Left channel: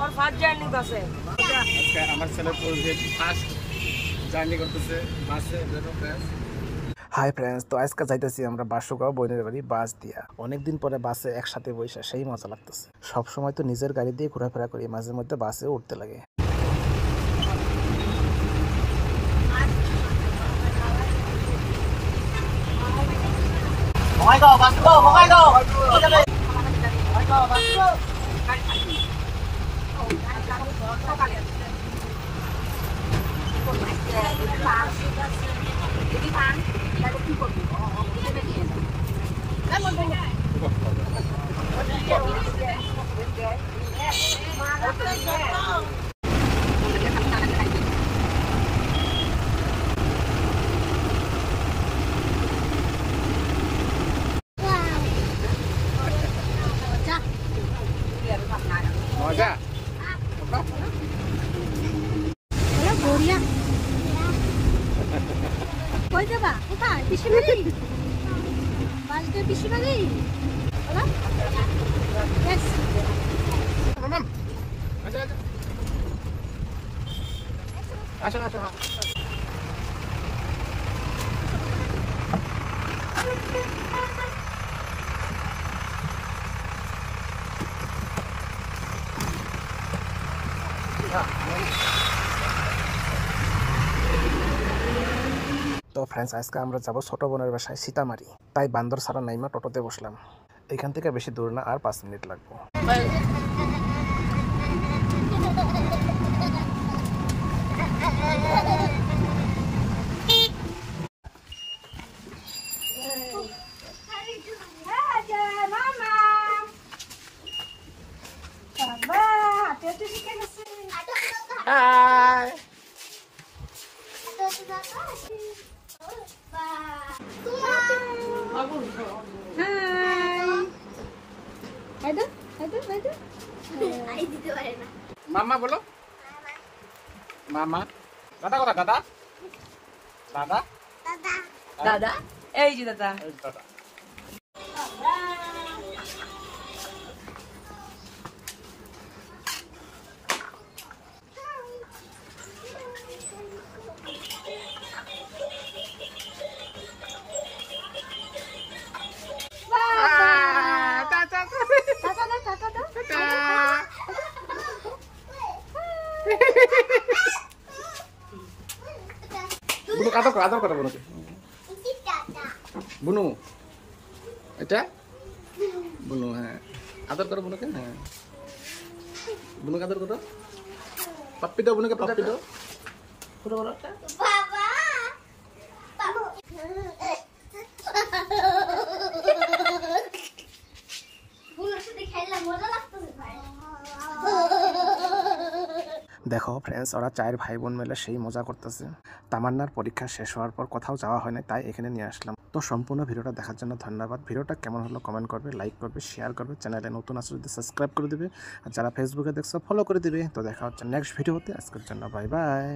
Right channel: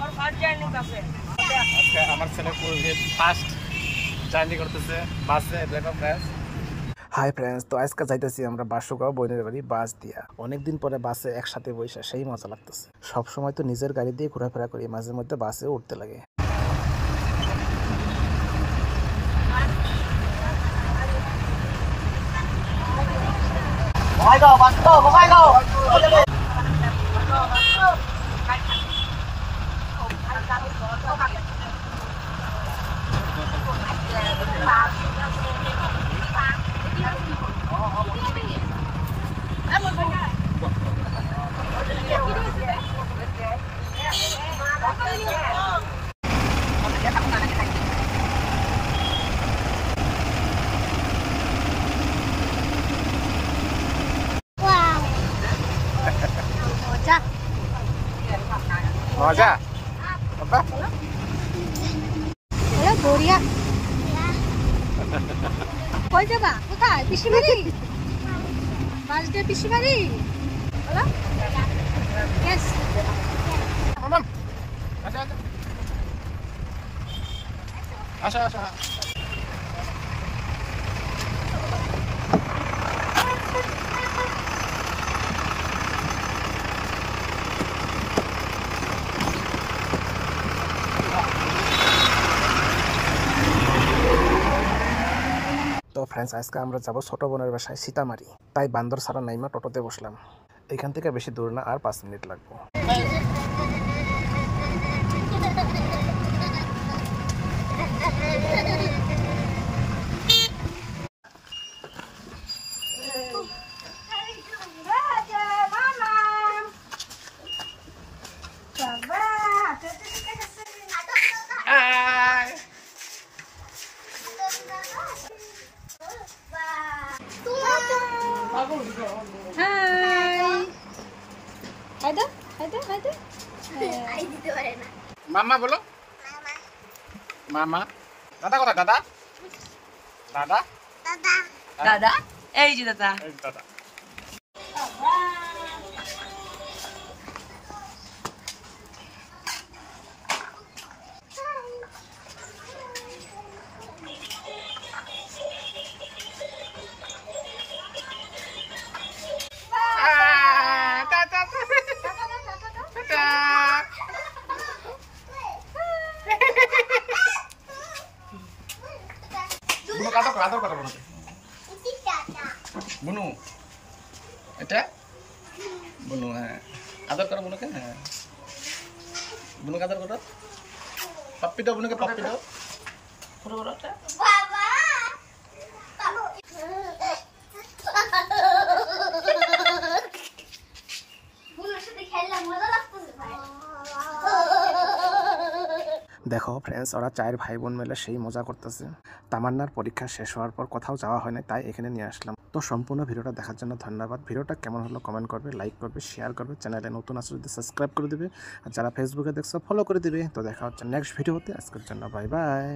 और fast journey বাসে আজকে আমার ছেলে পূর্বে ফার্স্ট জার্নি করতেছে বাসে। দেখো ফ্রেন্ডস, হাই ফ্রেন্ডস, তো আজকে যাইতেছি আমরা বাসুগাঁও বোনের বাড়ি বাস দিয়া। অনেকদিন পরে বাসে একসাথে বসে সেই মজা লাগতেছে। সব সময় তো নিজের গাড়ি দিয়ে ঘোরাফেরা করি, মাঝে মধ্যে বাসে উঠতে লাগে। মজা বাবা হলো বড়িয়া কই যাবা? কোথায়? পিসি বাড়ি? বাসটা পিসি বাড়ি হলো? ইয়েস মাম আচ্ছা আচ্ছা আচ্ছা আচ্ছা। তো ফ্রেন্ডস, আজকে আমরা যাবো ছোট বোনের বাসায় সীতামারি। তাই বান্দর ছাড়া নাইমা টোটোতে বসলাম। এখান থেকে বেশি দূর না, আর 5 মিনিট লাগবে। মামা বলো, মামা। দাদা কথা, দাদা দাদা দাদা এই যে দাদা এই দাদা। বুনু আদর করো, আদর করো বুনুকে। বুনু এটা বুনু, হ্যাঁ আদর করো বুনুকে। হ্যাঁ বুনুকে আদর করো। পাপ্পি দাও বুনুকে, পাপ্পি দাও। ছোট বড় একটা দেখো ফ্রেন্ডস, ওরা 4 ভাই বোন মিলে সেই মজা করতেছে। তামান্নার পরীক্ষা শেষ হওয়ার পর কোথাও যাওয়া হয় না, তাই এখানে নিয়ে আসলাম। তো সম্পূর্ণ ভিডিওটা দেখার জন্য ধন্যবাদ। ভিডিওটা কেমন হলো কমেন্ট করবে, লাইক করবে, শেয়ার করবে। চ্যানেলে নতুন আসলে যদি সাবস্ক্রাইব করে দিবে, আর যারা ফেসবুকে দেখছো ফলো করে দিবে। তো দেখা হচ্ছে নেক্সট ভিডিওতে। আজকের জন্য বাই বাই।